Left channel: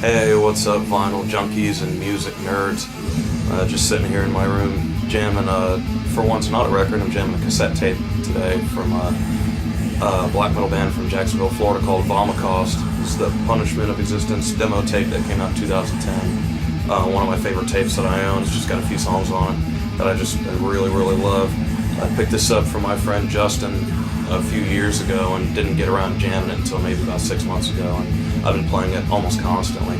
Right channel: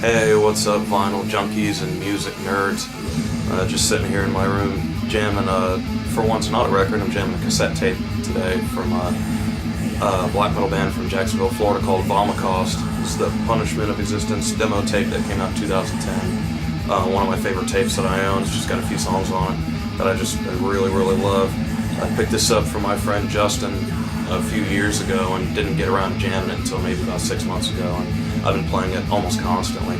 Hey, what's up, vinyl junkies and music nerds? Just sitting here in my room jamming, for once not a record, I'm jamming a cassette tape today from a black metal band from Jacksonville, Florida called Vomicost. It's the Punishment of Existence demo tape that came out in 2010. One of my favorite tapes that I own. It's just got a few songs on it that I really, really love. I picked this up from my friend Justin a few years ago and didn't get around to jamming it until maybe about 6 months ago, and I've been playing it almost constantly.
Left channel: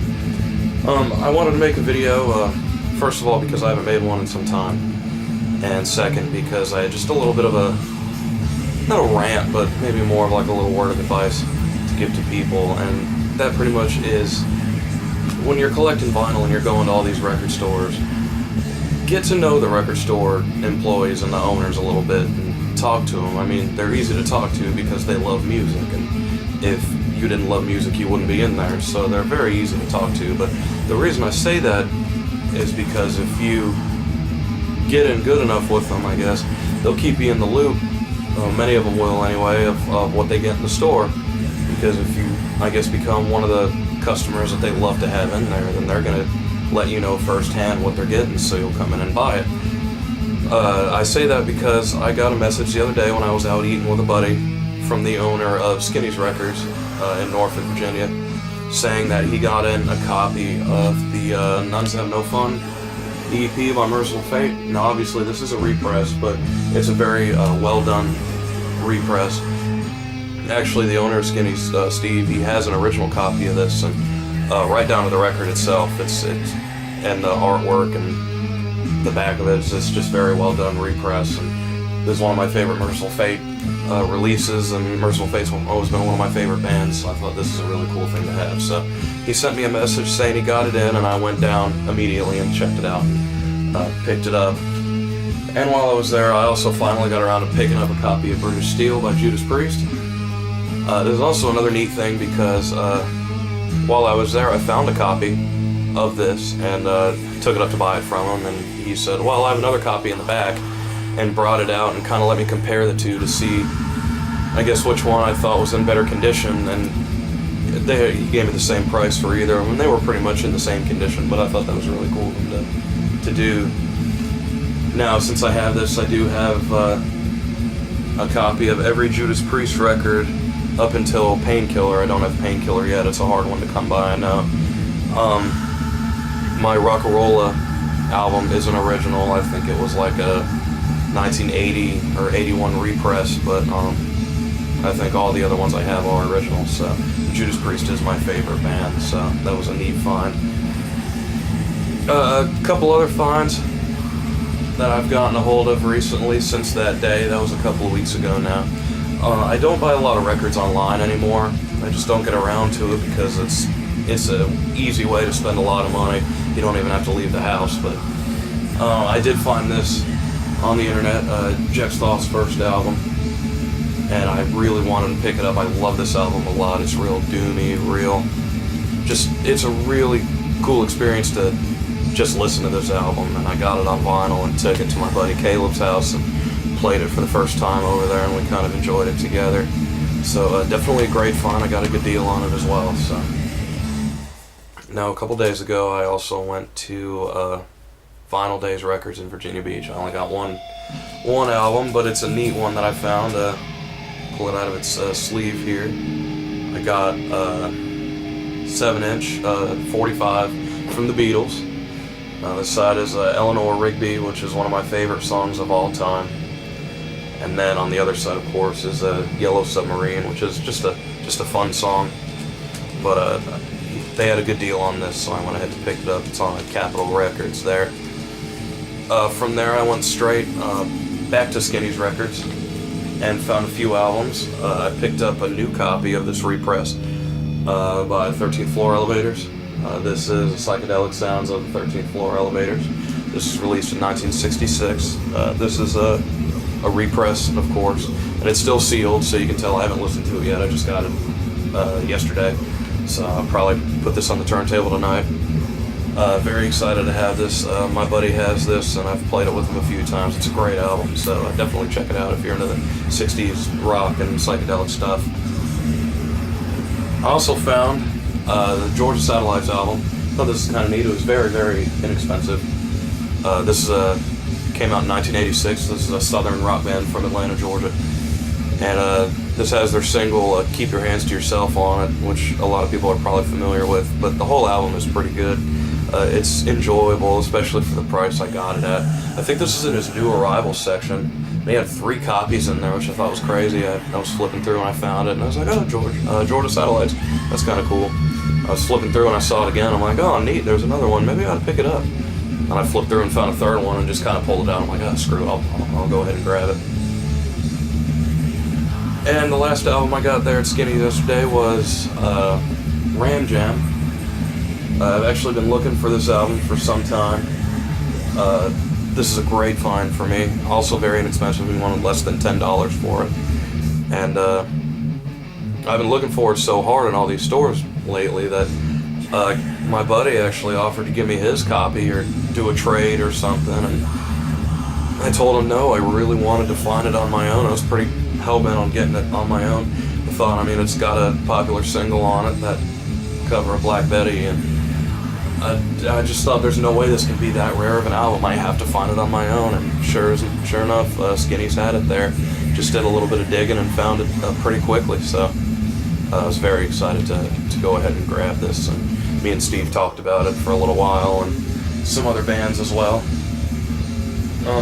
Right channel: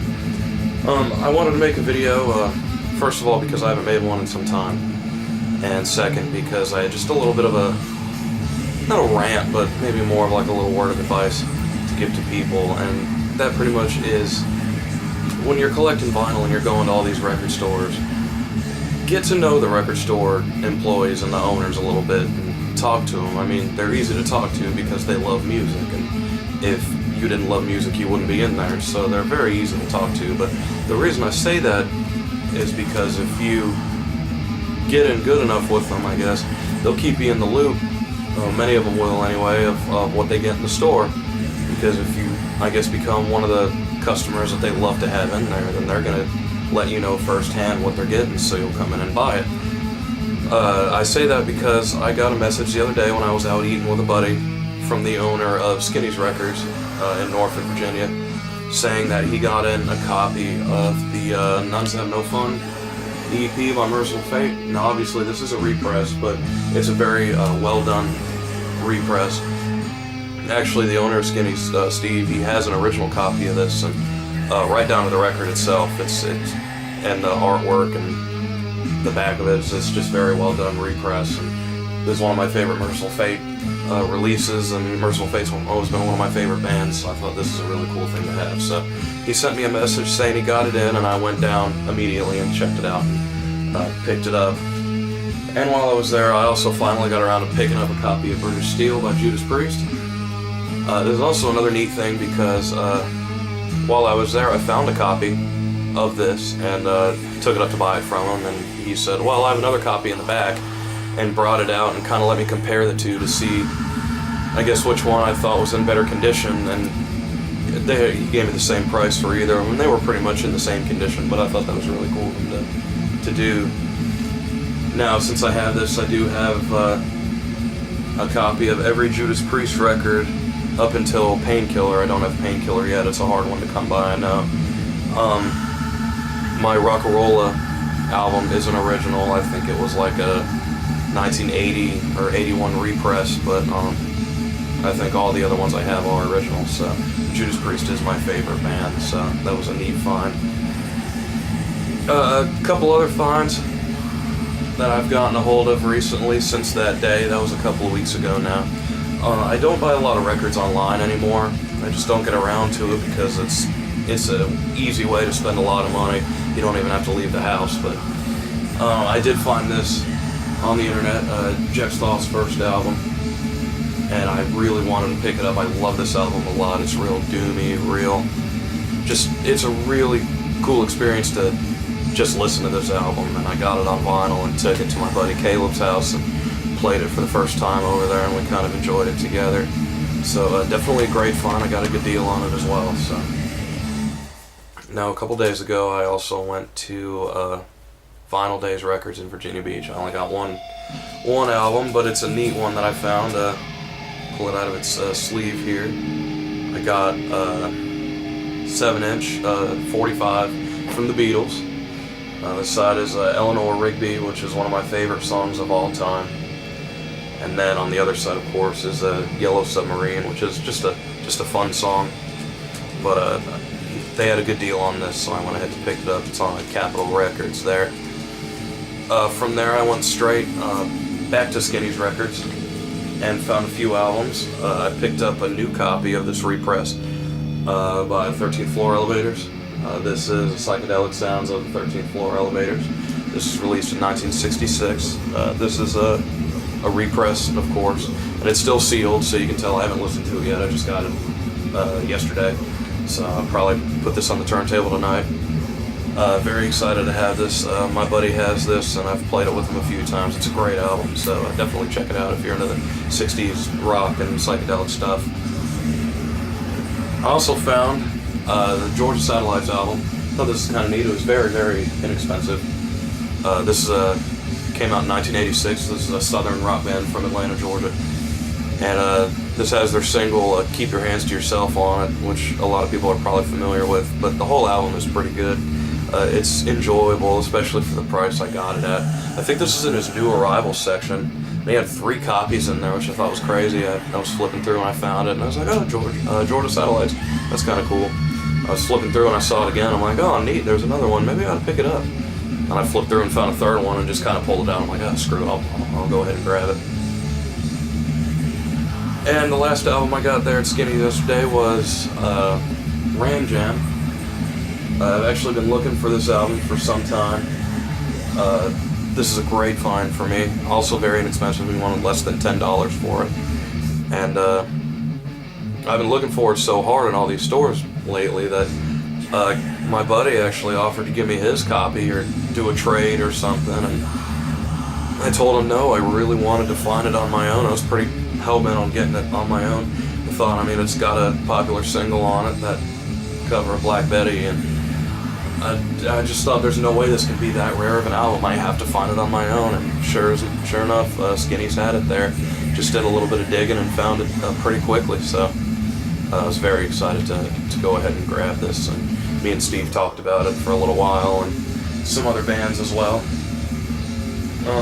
I wanted to make a video, first of all because I haven't made one in some time, and second because I had just a little bit of a, not a rant, but maybe more of like a little word of advice to give to people, and that pretty much is, when you're collecting vinyl and you're going to all these record stores, get to know the record store employees and the owners a little bit and talk to them. I mean, they're easy to talk to because they love music, and if you didn't love music you wouldn't be in there, so they're very easy to talk to. But the reason I say that is because if you get in good enough with them, I guess, they'll keep you in the loop, many of them will anyway, of what they get in the store, because if you, I guess, become one of the customers that they love to have in there, then they're going to let you know firsthand what they're getting, so you'll come in and buy it. I say that because I got a message the other day when I was out eating with a buddy from the owner of Skinny's Records in Norfolk, Virginia, saying that he got in a copy of the Nuns Have No Fun EP by Merciful Fate. Now obviously this is a repress, but it's a very well done repress. Actually, the owner of Skinny's, Steve, he has an original copy of this, and right down to the record itself, it's and the artwork and the back of it, it's just very well done repress. And this is one of my favorite Merciful Fate releases, and Merciful Fate's always been one of my favorite bands, so I thought this is a really cool thing to have. So he sent me a message saying he got it in, and I went down immediately and checked it out and picked it up. And while I was there, I also finally got around to picking up a copy of British Steel by Judas Priest. There's also another neat thing, because while I was there I found a copy of this and took it up to buy it from him, and he said, well, I have another copy in the back, and brought it out and kind of let me compare the two to see, I guess, which one I thought was in better condition. And he gave me the same price for either of them, and they were pretty much in the same condition, but I thought that was really cool of him to do. Now, since I have this, I do have a copy of every Judas Priest record up until Painkiller. I don't have Painkiller yet. It's a hard one to come by, I know. My Rock'n'Rolla album is an original. I think it was like a 1980 or 81 repress, but I think all the other ones I have are original. So Judas Priest is my favorite band, so that was a neat find. A couple other finds that I've gotten a hold of recently since that day. That was a couple of weeks ago now. I don't buy a lot of records online anymore. I just don't get around to it because it's an easy way to spend a lot of money. You don't even have to leave the house. But I did find this on the internet, Jeff Thoth's first album, and I really wanted to pick it up. I love this album a lot. It's real doomy, it's a really cool experience to just listen to this album. And I got it on vinyl and took it to my buddy Caleb's house and played it for the first time over there, and we kind of enjoyed it together. So definitely a great find. I got a good deal on it as well. So now, a couple days ago, I also went to Vinyl Days Records in Virginia Beach. I only got one album, but it's a neat one that I found. Pull it out of its sleeve here. I got 7-inch 45 from the Beatles. This side is Eleanor Rigby, which is one of my favorite songs of all time. And then on the other side, of course, is Yellow Submarine, which is just a fun song. But they had a good deal on this, so I went ahead and picked it up. It's on Capitol Records there. From there, I went straight back to Skinny's Records and found a few albums. I picked up a new copy of this repress by 13th Floor Elevators. This is Psychedelic Sounds of the 13th Floor Elevators. This was released in 1966. This is a repress, of course, and it's still sealed, so you can tell I haven't listened to it yet. I just got it yesterday, so I'll probably put this on the turntable tonight. Very excited to have this. My buddy has this, and I've played it with him a few times. It's a great album, so definitely check it out if you're into the 60s rock and psychedelic stuff. I also found The Georgia Satellites album. I thought this was kind of neat. It was very, very inexpensive. This came out in 1986. This is a southern rock band from Atlanta, Georgia. And this has their single, Keep Your Hands to Yourself, on it, which a lot of people are probably familiar with. But the whole album is pretty good. It's enjoyable, especially for the price I got it at. I think this is in his new arrivals section. They had 3 copies in there, which I thought was crazy. I was flipping through and I found it, and I was like, oh, Georgia Satellites. That's kind of cool. I was flipping through and I saw it again. I'm like, oh, neat, there's another one. Maybe I ought to pick it up. And I flipped through and found a third one and just kind of pulled it out. I'm like, oh, screw it, I'll go ahead and grab it. And the last album I got there at Skinny yesterday was Ram Jam. I've actually been looking for this album for some time. This is a great find for me. Also very inexpensive. We wanted less than $10 for it. And I've been looking for it so hard in all these stores lately that my buddy actually offered to give me his copy or do a trade or something. And I told him no, I really wanted to find it on my own. I was pretty hell-bent on getting it on my own. I thought, I mean, it's got a popular single on it, that cover of Black Betty, and I just thought there's no way this can be that rare of an album. I have to find it on my own, and sure enough, Skinny's had it there. Just did a little bit of digging and found it pretty quickly, so I was very excited to go ahead and grab this. And me and Steve talked about it for a little while, and some other bands as well.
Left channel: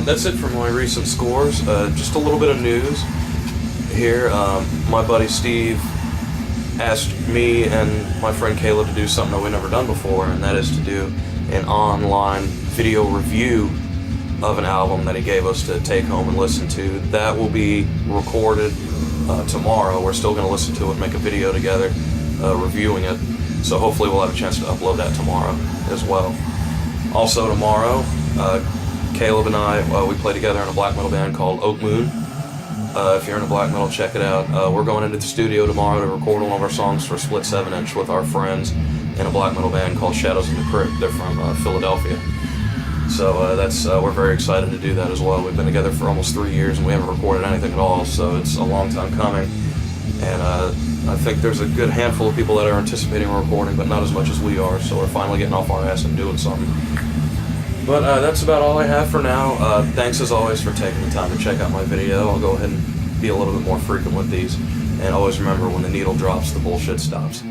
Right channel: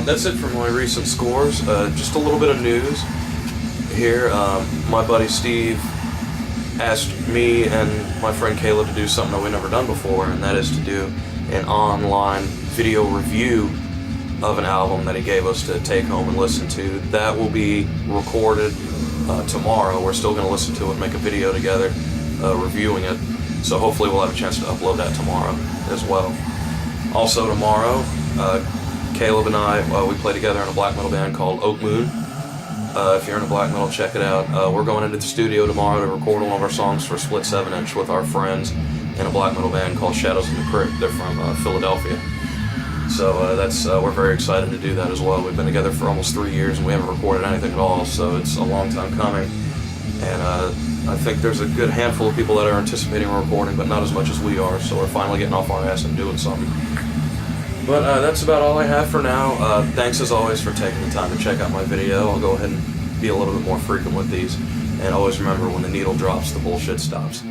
That's it for my recent scores. Just a little bit of news here. My buddy Steve asked me and my friend Caleb to do something that we've never done before, and that is to do an online video review of an album that he gave us to take home and listen to. That will be recorded tomorrow. We're still going to listen to it, make a video together reviewing it, so hopefully we'll have a chance to upload that tomorrow as well. Also tomorrow, Caleb and I, we play together in a black metal band called Oak Moon. If you're into black metal, check it out. We're going into the studio tomorrow to record one of our songs for Split 7-inch with our friends in a black metal band called Shadows in the Crypt. They're from Philadelphia. So we're very excited to do that as well. We've been together for almost 3 years and we haven't recorded anything at all, so it's a long time coming. And I think there's a good handful of people that are anticipating a recording, but not as much as we are, so we're finally getting off our ass and doing something. But that's about all I have for now. Thanks as always for taking the time to check out my video. I'll go ahead and be a little bit more frequent with these. And always remember, when the needle drops, the bullshit stops.